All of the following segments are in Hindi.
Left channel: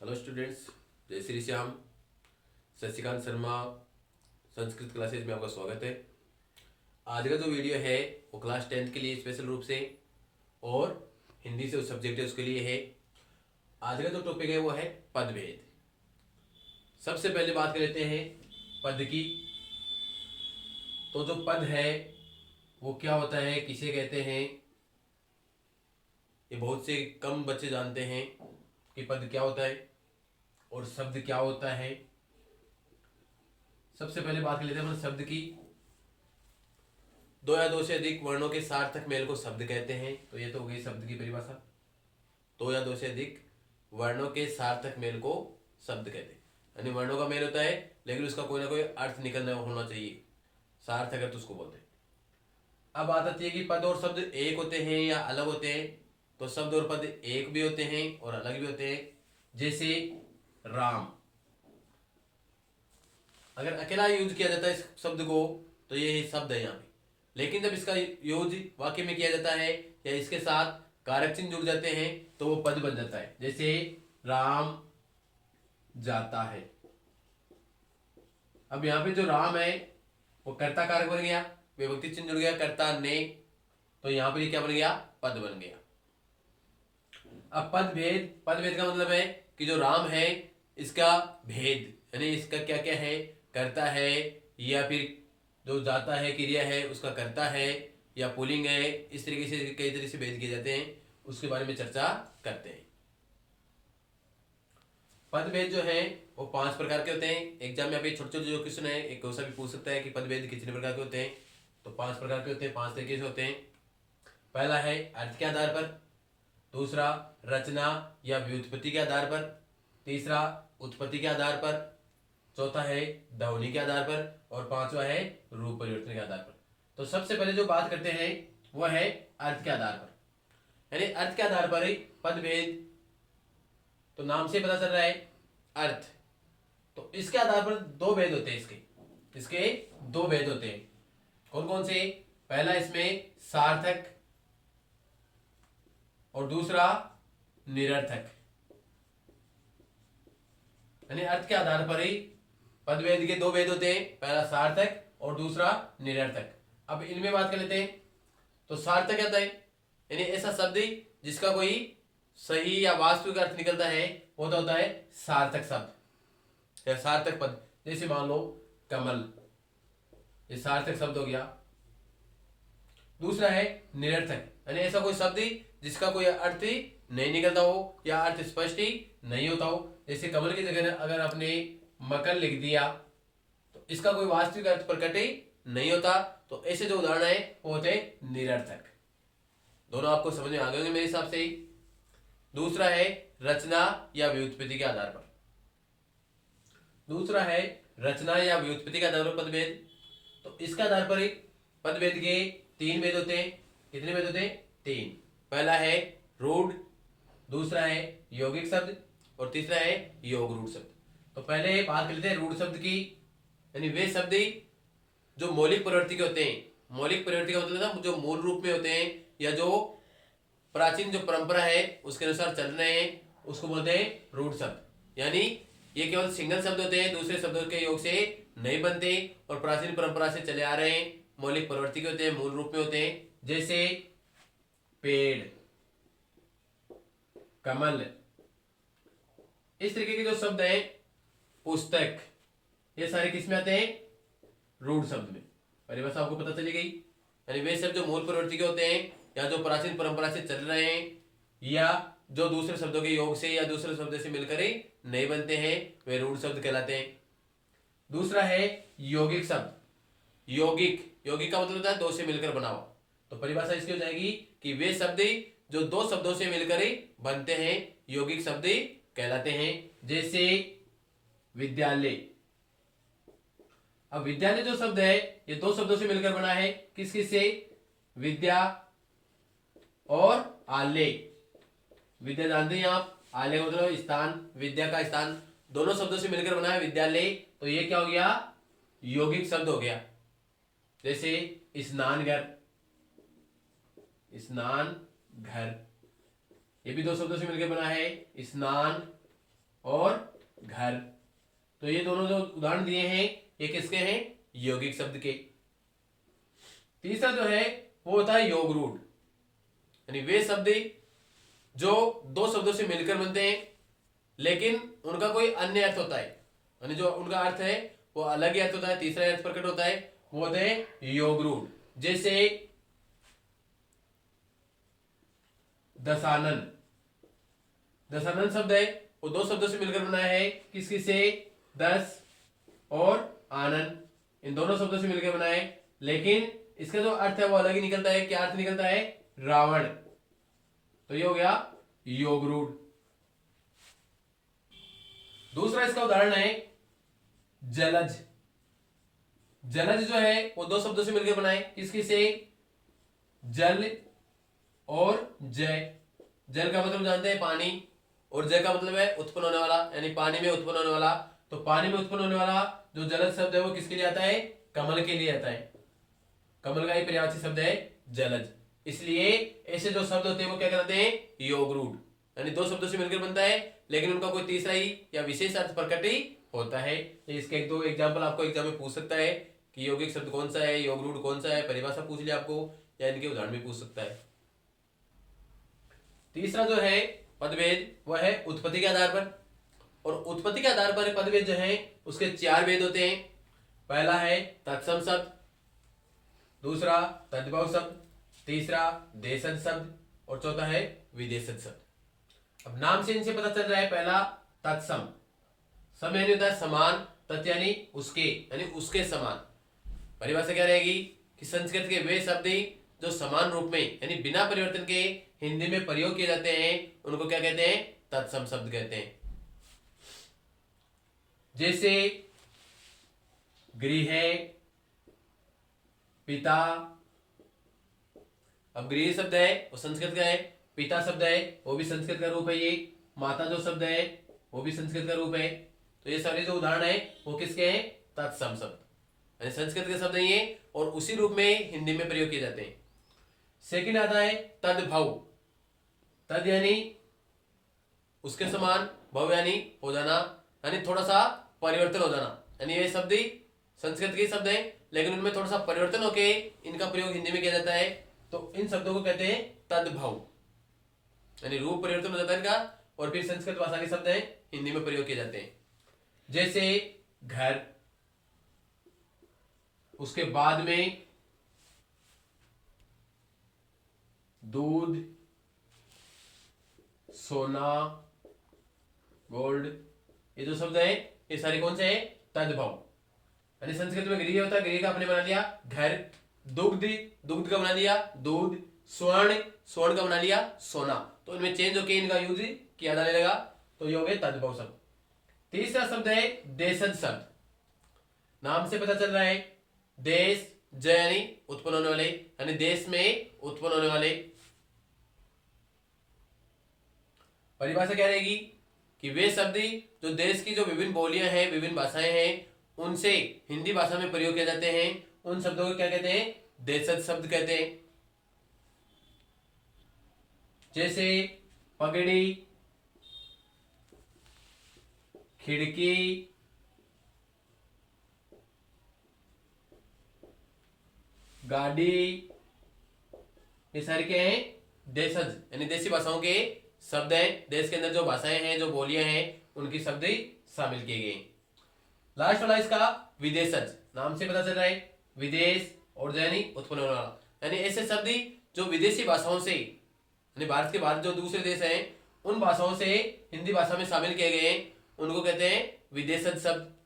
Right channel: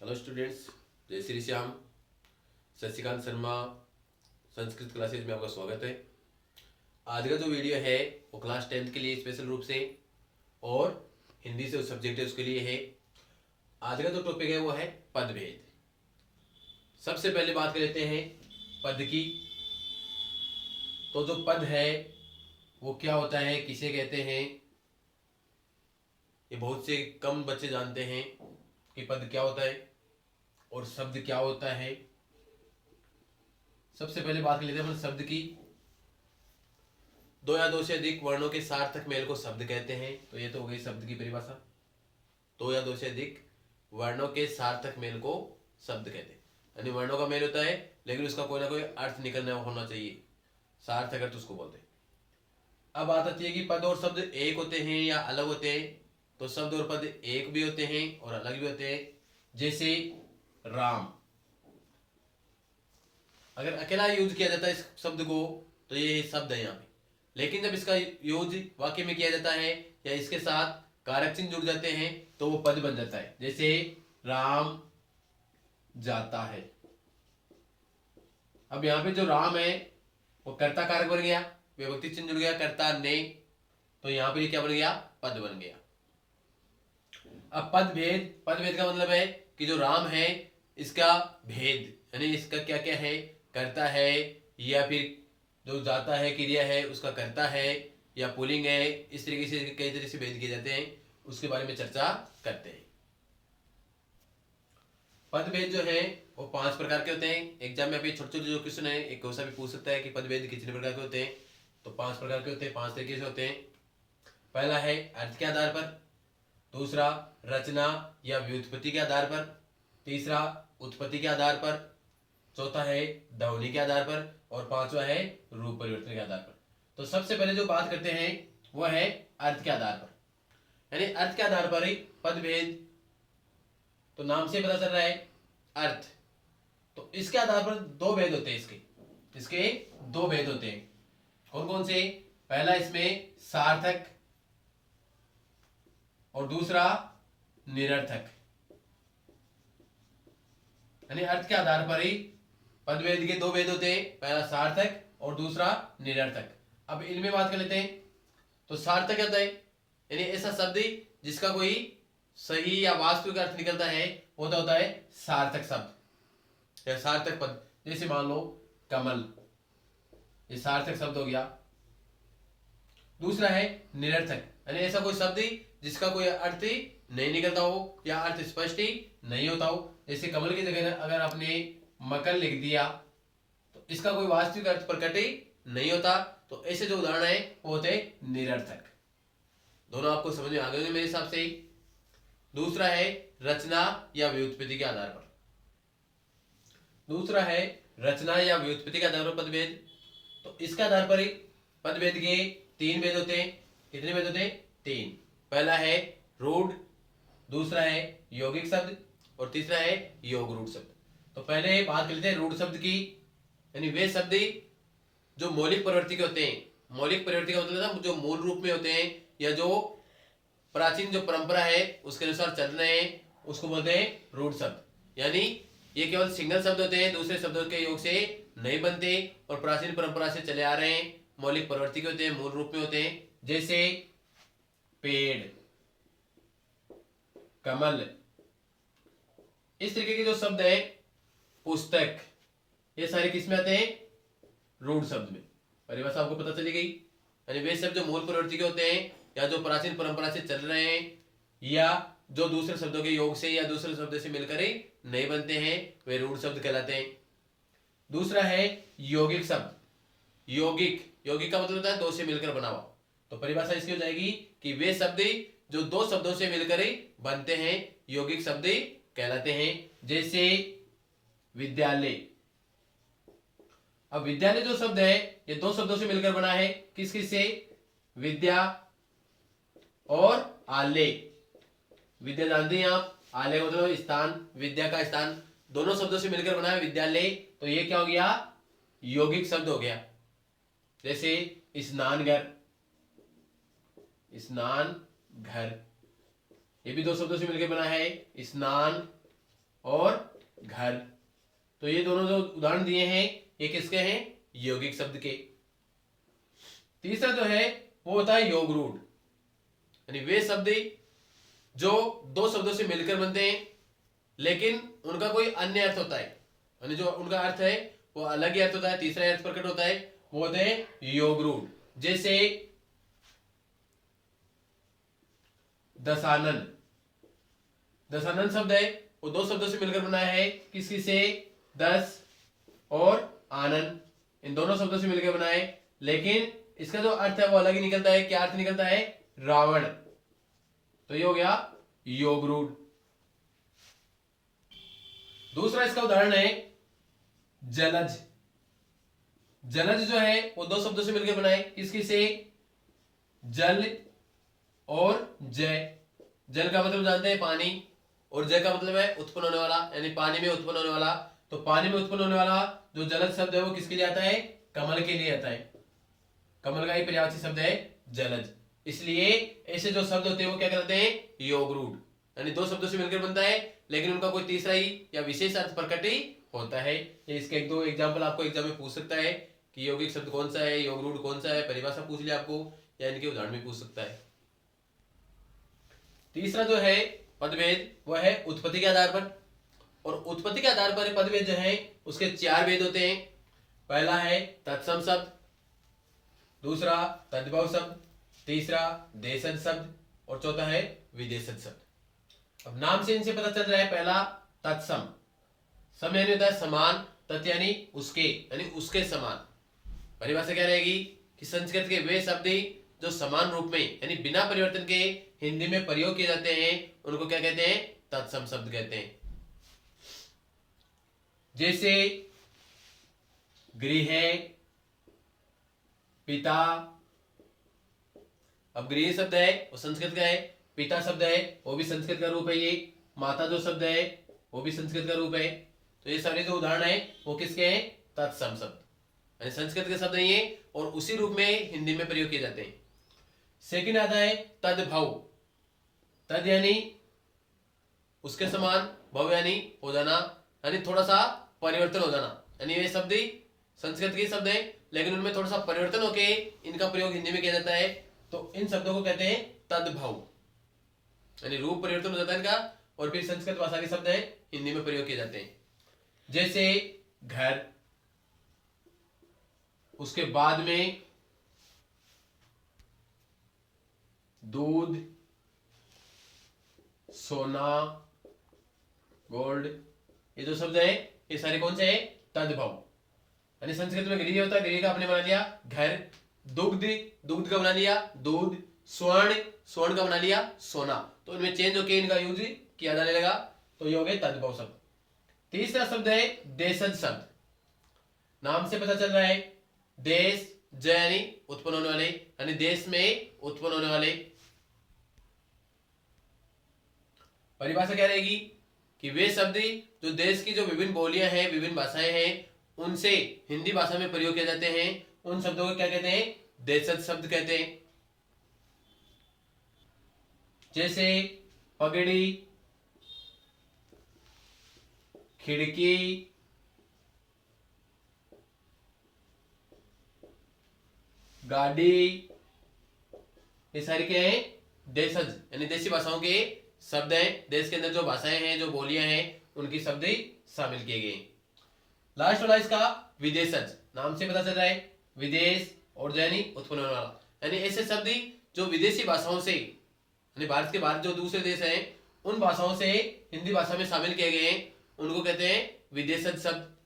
हेलो स्टूडेंट्स, जय श्री श्याम। शशिकांत शर्मा संस्कृत क्लासेज में आपका स्वागत है। आज का जो वीडियो है वो क्लास 10th के लिए स्पेशल रूप से और हिंदी से उस सब्जेक्ट है उसके लिए है। आज का जो टॉपिक है वो है पदभेद। सबसे पहले बात कर लेते हैं पद की। तो जो पद है वो क्या होता है, किसे कहते हैं, ये बहुत से कम बच्चे जानते हैं कि पद क्या होता है और शब्द क्या होता है। सबसे पहले बात कर लेते हैं अपन शब्द की। दो या दो से अधिक वर्णों के सार्थक मेल को शब्द कहते हैं। तो ये तो हो गई शब्द की परिभाषा। दो या दो से अधिक वर्णों के सार्थक मेल को शब्द कहते हैं, यानी वर्णों का मेल होता है लेकिन उसका कोई ना कोई अर्थ निकलना होना चाहिए, सार्थक अर्थ उसको बोलते हैं। अब बात आती है कि पद और शब्द एक होते हैं या अलग होते हैं। तो शब्द और पद एक भी होते हैं और अलग भी होते हैं। जैसे राम, अगर अकेला यूज किया जाता है इस शब्द को तो ये शब्द है यहाँ पे, लेकिन जब इसका यूज वाक्य में किया जाता है या इसके साथ कारक चिन्ह जुड़ जाते हैं तो वो पद बन जाता है। जैसे राम जाता है। अब यहाँ पे जो राम है वो कर्ता कारक बन गया, विभक्ति चिन्ह जुड़ गया कर्ता ने, तो यहाँ पर क्या बन गया, पद बन गया। अब पद भेद का मतलब है कि जो राम है इसका भेद, यानी इसका क्या क्या है, करता है या फिर जो जाता है क्रिया है उसका करता है या पुल्लिंग है, इस तरीके से कई तरह से भेद किए जाते हैं, उसके बारे में चर्चा करते हैं। पद भेद जो है वो 5 प्रकार के होते हैं। एग्जाम में अभी छोटे छोटे जो क्वेश्चन है एक क्वेश्चन भी पूछ सकता है कि पद भेद कितने प्रकार के होते हैं। तो 5 प्रकार के होते हैं, 5 तरीके से होते हैं। पहला है अर्थ के आधार पर, दूसरा रचना या व्युत्पत्ति के आधार पर, तीसरा उत्पत्ति के आधार पर, चौथा है ध्वनि के आधार पर और पांचवा है रूप परिवर्तन के आधार पर। तो सबसे पहले जो बात करते हैं वो है अर्थ के आधार पर, यानी अर्थ के आधार पर ही पद भेद। तो नाम से पता चल रहा है अर्थ। तो इसके आधार पर दो भेद होते हैं, इसके दो भेद होते हैं। कौन कौन से? पहला इसमें सार्थक और दूसरा निरर्थक, यानी अर्थ के आधार पर ही पदभेद के दो भेद होते हैं, पहला सार्थक और दूसरा निरर्थक। अब इनमें बात कर लेते हैं। तो सार्थक क्या होता है, यानी ऐसा शब्द जिसका कोई सही या वास्तविक अर्थ निकलता है वो होता है सार्थक शब्द या सार्थक पद। जैसे मान लो कमल, ये सार्थक शब्द हो गया। दूसरा है निरर्थक, यानी ऐसा कोई शब्द जिसका कोई अर्थ नहीं निकलता हो या अर्थ स्पष्ट ही नहीं होता हो। जैसे कमल की जगह अगर आपने मकर लिख दिया तो इसका कोई वास्तविक अर्थ प्रकट ही नहीं होता। तो ऐसे जो उदाहरण है वो होते हैं निरर्थक। दोनों आपको समझ में आ गए मेरे हिसाब से ही। दूसरा है रचना या व्युत्पत्ति के आधार पर। दूसरा है रचना या व्युत्पत्ति के आधार पर पदभेद। तो इसके आधार पर ही पदभेद के 3 भेद होते हैं। कितने भेद होते हैं? 3। पहला है रूढ़, दूसरा है यौगिक शब्द और तीसरा है योग रूढ़ शब्द। तो पहले बात कर लेते हैं रूढ़ शब्द की, यानी वे शब्द जो मौलिक प्रवृत्ति के होते हैं। मौलिक प्रवृत्ति का मतलब ना जो मूल रूप में होते हैं या जो प्राचीन जो परंपरा है उसके अनुसार चल रहे हैं, उसको बोलते हैं रूढ़ शब्द। यानी ये केवल सिंगल शब्द होते हैं, दूसरे शब्दों के योग से नहीं बनते और प्राचीन परंपरा से चले आ रहे हैं, मौलिक प्रवृत्ति के होते हैं, मूल रूप में होते हैं। जैसे पेड़, कमल, इस तरीके के जो शब्द हैं, पुस्तक, ये सारे किस में आते हैं? रूढ़ शब्द में। परिभाषा आपको पता चली गई। यानी वे शब्द जो मूल प्रवृत्ति के होते हैं या जो प्राचीन परंपरा से चल रहे हैं या जो दूसरे शब्दों के योग से या दूसरे शब्द से मिलकर ही नहीं बनते हैं, वे रूढ़ शब्द कहलाते हैं। दूसरा है यौगिक शब्द। यौगिक का मतलब होता है दो से मिलकर बना हुआ। तो परिभाषा इसकी हो जाएगी कि वे शब्द जो दो शब्दों से मिलकर ही बनते हैं यौगिक शब्द कहलाते हैं। जैसे विद्यालय। अब विद्यालय जो शब्द है ये दो शब्दों से मिलकर बना है, किस किस से? विद्या और आलय। विद्या जानते हैं आप, आलय मतलब स्थान, विद्या का स्थान, दोनों शब्दों से मिलकर बना है विद्यालय। तो ये क्या हो गया? यौगिक शब्द हो गया। जैसे स्नानघर, स्नान घर, ये भी दो शब्दों से मिलकर बना है, स्नान और घर। तो ये दोनों जो उदाहरण दिए हैं ये किसके हैं? यौगिक शब्द के। तीसरा जो है वो होता है योग रूढ़, यानी वे शब्द जो दो शब्दों से मिलकर बनते हैं लेकिन उनका कोई अन्य अर्थ होता है, यानी जो उनका अर्थ है वो अलग ही अर्थ होता है, तीसरा अर्थ प्रकट होता है, वो होते हैं योग रूढ़। जैसे दशानन, दशानन शब्द है वो दो शब्दों से मिलकर बना है, किसकी से? दस और आनंद, इन दोनों शब्दों से मिलकर बना है, लेकिन इसका जो अर्थ है वो अलग ही निकलता है। क्या अर्थ निकलता है? रावण। तो ये हो गया योग रूढ़। दूसरा इसका उदाहरण है जलज। जलज जो है वो दो शब्दों से मिलकर बना है, किसकी से? जल और जय। जल का मतलब जानते हैं पानी, और जय का मतलब है उत्पन्न होने वाला, यानी पानी में उत्पन्न होने वाला। तो पानी में उत्पन्न होने वाला जो जलज शब्द है वो किसके लिए आता है? कमल के लिए आता है। कमल का ही पर्यायवाची शब्द है जलज। इसलिए ऐसे जो शब्द होते हैं वो क्या कहलाते हैं? योग रूढ़, यानी दो शब्दों से मिलकर बनता है लेकिन उनका कोई तीसरा ही या विशेष अर्थ प्रकट ही होता है। इसके एक दो एग्जाम्पल आपको एग्जाम में पूछ सकता है कि यौगिक शब्द कौन सा है, योग रूढ़ कौन सा है, परिभाषा पूछ लिया आपको, या इनके उदाहरण भी पूछ सकता है। तीसरा जो है पदभेद, वह है उत्पत्ति के आधार पर, और उत्पत्ति के आधार पर पदभेद जो है उसके चार भेद होते हैं। पहला है तत्सम शब्द, दूसरा तद्भव शब्द, तीसरा देशज शब्द, और चौथा है विदेशज शब्द। अब नाम से इनसे पता चल रहा है, पहला तत्सम, सम यानी होता है समान, तत् यानी उसके, यानी उसके समान। परिभाषा क्या रहेगी कि संस्कृत के वे शब्द जो समान रूप में यानी बिना परिवर्तन के हिंदी में प्रयोग किए जाते हैं उनको क्या कहते हैं? तत्सम शब्द कहते हैं। जैसे गृह, पिता। अब गृह शब्द है वो संस्कृत का है, पिता शब्द है वो भी संस्कृत का रूप है, ये माता जो शब्द है वो भी संस्कृत का रूप है। तो ये सारे जो उदाहरण है वो किसके हैं? तत्सम शब्द, यानी संस्कृत के शब्द नहीं है और उसी रूप में हिंदी में प्रयोग किए जाते हैं। सेकंड आता है तद्भव। तद यानी उसके समान, भव यानी हो जाना, यानी थोड़ा सा परिवर्तन हो जाना, यानी ये शब्द संस्कृत के शब्द है लेकिन उनमें थोड़ा सा परिवर्तन होके इनका प्रयोग हिंदी में किया जाता है। तो इन शब्दों को कहते हैं तद्भव, यानी रूप परिवर्तन हो जाता है इनका और फिर संस्कृत भाषा के शब्द है हिंदी में प्रयोग किए जाते हैं। जैसे घर, उसके बाद में दूध, सोना, गोल्ड, ये जो शब्द है ये सारे कौन से हैं? तद्भव। यानी संस्कृत में गृह होता है, गृह का आपने बना लिया घर, दुग्ध, दुग्ध का बना लिया दूध, स्वर्ण, स्वर्ण का बना लिया सोना। तो इनमें चेंज होकर इनका यूज किया जाने लगा, तो ये हो गए तद्भव शब्द। तीसरा शब्द है देशज शब्द। नाम से पता चल रहा है देश, ज यानी उत्पन्न होने वाले, यानी देश में उत्पन्न होने वाले। परिभाषा क्या रहेगी कि वे शब्द जो देश की जो विभिन्न बोलियां हैं, विभिन्न भाषाएं हैं, उनसे हिंदी भाषा में प्रयोग किए जाते हैं, उन शब्दों को क्या कहते हैं? देशज शब्द कहते हैं। जैसे पगड़ी, खिड़की, गाड़ी, ये सारे क्या हैं? देशज, यानी देशी भाषाओं के शब्द हैं। देश के अंदर जो भाषाएं हैं, जो बोलियां हैं, उनकी शब्द शामिल किए गए। लास्ट वाला इसका विदेशज, नाम से पता चल रहा है विदेश और यानी उत्पन्न होने वाला, यानी ऐसे शब्द जो विदेशी भाषाओं से, यानी भारत के बाहर जो दूसरे देश हैं उन भाषाओं से हिंदी भाषा में शामिल किए गए हैं, उनको कहते हैं विदेशज शब्द।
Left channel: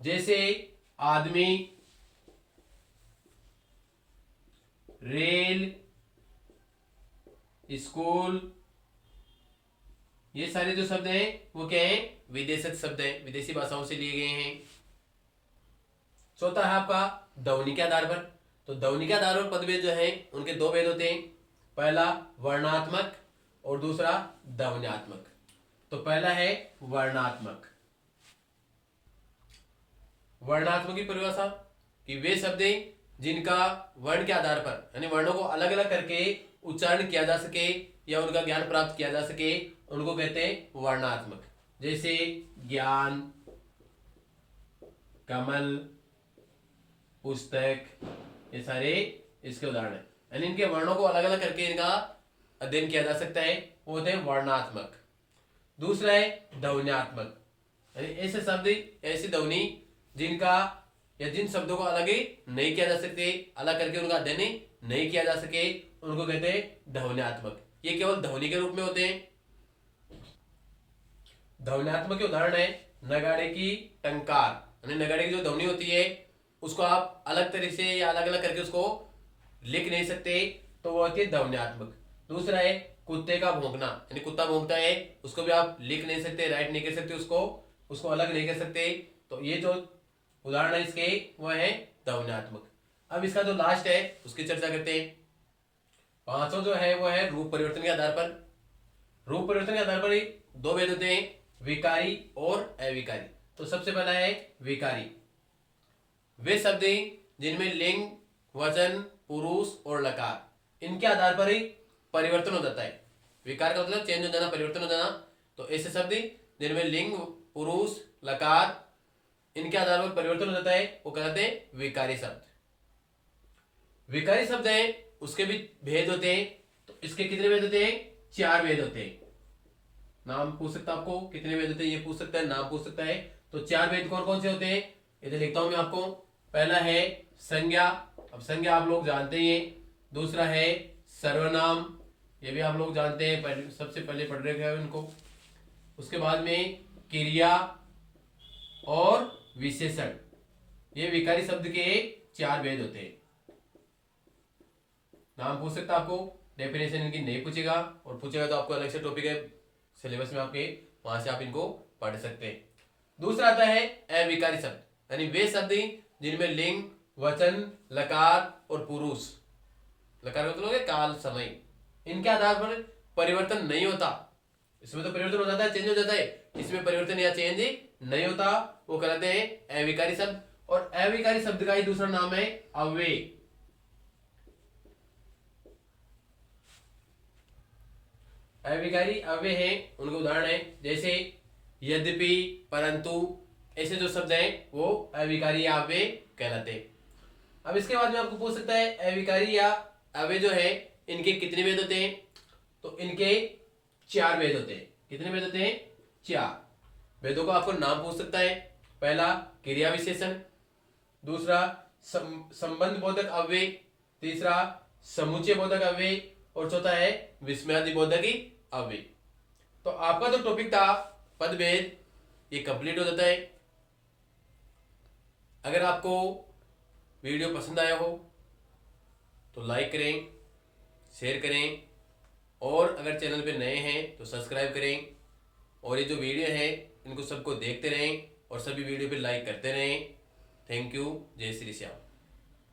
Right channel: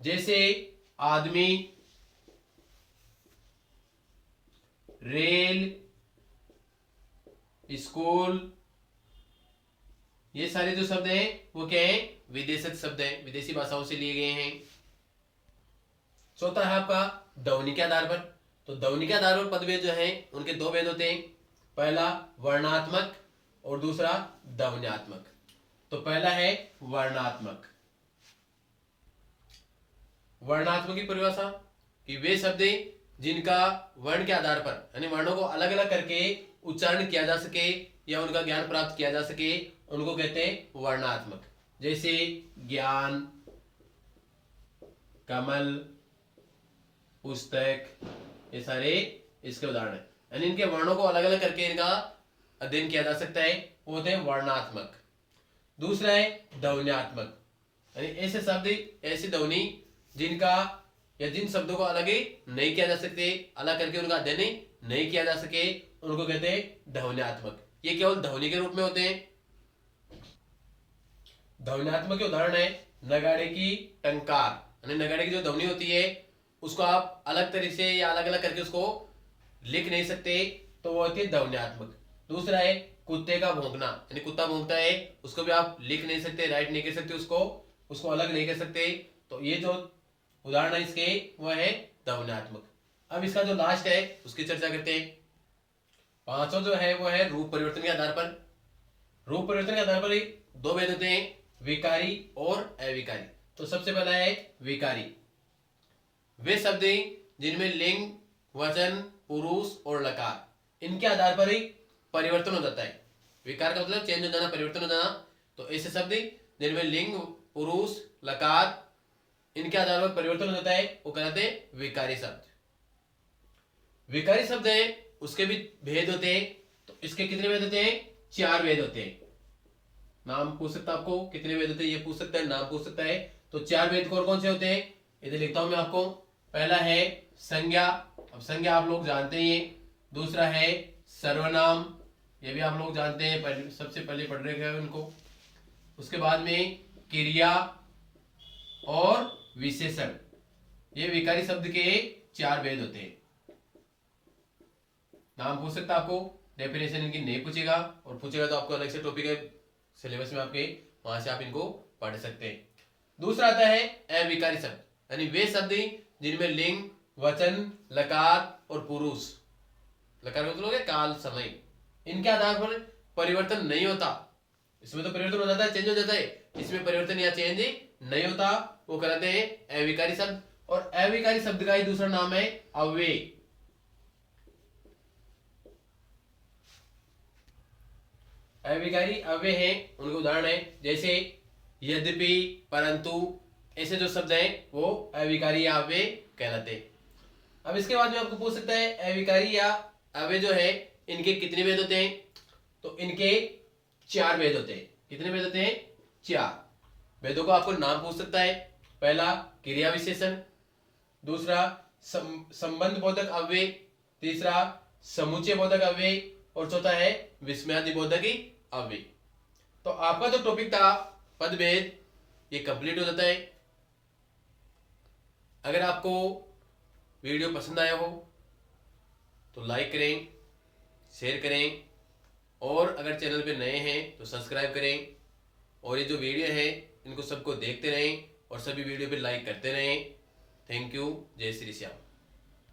जैसे आदमी, रेल, स्कूल, ये सारे जो शब्द हैं वो क्या हैं? विदेशज शब्द हैं, विदेशी भाषाओं से लिए गए हैं। चौथा है आपका ध्वनि के आधार पर। तो ध्वनि के आधार पर पदभेद जो है उनके दो भेद होते हैं, पहला वर्णात्मक और दूसरा ध्वन्यात्मक। तो पहला है वर्णात्मक। वर्णात्मक की परिभाषा कि वे शब्द जिनका वर्ण के आधार पर, यानी वर्णों को अलग अलग करके उच्चारण किया जा सके या उनका ज्ञान प्राप्त किया जा सके, उनको कहते हैं वर्णात्मक। जैसे ज्ञान, कमल, पुस्तक, ये सारे इसके उदाहरण हैं। यानी इनके वर्णों को अलग अलग करके इनका अध्ययन किया जा सकता है, वो होते हैं वर्णात्मक। दूसरा है ध्वन्यात्मक, यानी ऐसे शब्द, ऐसी ध्वनि जिनका या जिन शब्दों को अलग ही नहीं किया जा सकते, अलग करके उनका अध्ययन नहीं किया जा सके, उनको कहते हैं ध्वन्यात्मक। ये केवल ध्वनि के रूप में होते हैं। ध्वन्यात्मक के उदाहरण है नगाड़े की टंकार, यानी नगाड़े की जो ध्वनि होती है उसको आप अलग तरीके से या अलग अलग करके उसको लिख नहीं सकते, तो वो होती है ध्वन्यात्मक। दूसरा है कुत्ते का भौंकना, यानी कुत्ता भौंकता है उसको भी आप लिख नहीं सकते, राइट नहीं कर सकते, उसको अलग नहीं कर सकते। तो ये जो उदाहरण है इसके वो है ध्वन्यात्मक। अब इसका जो लास्ट है उसकी चर्चा करते हैं। पांचों जो है वो है रूप परिवर्तन के आधार पर। रूप परिवर्तन के आधार पर ही दो भेद होते हैं, विकारी और अविकारी। तो सबसे पहला है विकारी। वे शब्द जिनमें लिंग, वचन, पुरुष और लकार, इनके आधार पर ही परिवर्तन हो जाता है। विकार का मतलब चेंज हो जाना, परिवर्तन हो जाना। तो ऐसे शब्द जिनमें लिंग, पुरुष, लकार, इनके आधार पर परिवर्तन हो जाता है वो कहते हैं विकारी शब्द। विकारी शब्द है उसके भी भेद होते हैं। तो इसके कितने भेद होते हैं? 4 भेद होते हैं। नाम पूछ सकता है आपको, कितने भेद होते हैं ये पूछ सकता है, नाम पूछ सकता है। तो 4 भेद कौन कौन से होते हैं इधर लिखता हूं मैं आपको। पहला है संज्ञा, अब संज्ञा आप लोग जानते ही हैं। दूसरा है सर्वनाम, ये भी आप लोग जानते हैं, सबसे पहले पढ़ रहे हैं इनको। उसके बाद में क्रिया और विशेषण, ये विकारी शब्द के 4 भेद होते हैं। नाम पूछ सकता आपको, डेफिनेशन इनकी नहीं पूछेगा, और पूछेगा तो आपको अलग से टॉपिक है सिलेबस में आपके, वहां से आप इनको पढ़ सकते हैं। दूसरा आता है अविकारी शब्द, यानी वे शब्द जिनमें लिंग, वचन, लकार और पुरुष, लकार मतलब है काल, समय, इनके आधार पर परिवर्तन नहीं होता। इसमें तो परिवर्तन हो जाता है, चेंज हो जाता है, इसमें परिवर्तन या चेंज नहीं होता, वो कहते हैं अविकारी शब्द। और अविकारी शब्द का ही दूसरा नाम है अव्यय। अविकारी अव्यय है, उनके उदाहरण है जैसे यद्यपि, परंतु, ऐसे जो शब्द हैं वो अविकारी या अव्यय कहलाते हैं। अब इसके बाद में आपको पूछ सकता है अविकारी या अव्यय जो है इनके कितने भेद होते हैं? तो इनके 4 भेद होते हैं। कितने भेद होते हैं? 4 भेदों को आपको नाम पूछ सकता है। पहला क्रिया विशेषण, दूसरा संबंध बोधक अव्यय, तीसरा समुच्चय बोधक अव्यय, और चौथा है विस्मयादि बोधक अव्यय। तो आपका जो टॉपिक था पदभेद, ये कंप्लीट हो जाता है। अगर आपको वीडियो पसंद आया हो तो लाइक करें, शेयर करें, और अगर चैनल पे नए हैं तो सब्सक्राइब करें। और ये जो वीडियो है इनको सबको देखते रहें और सभी वीडियो पे लाइक करते रहें। Thank you. जय श्री श्याम।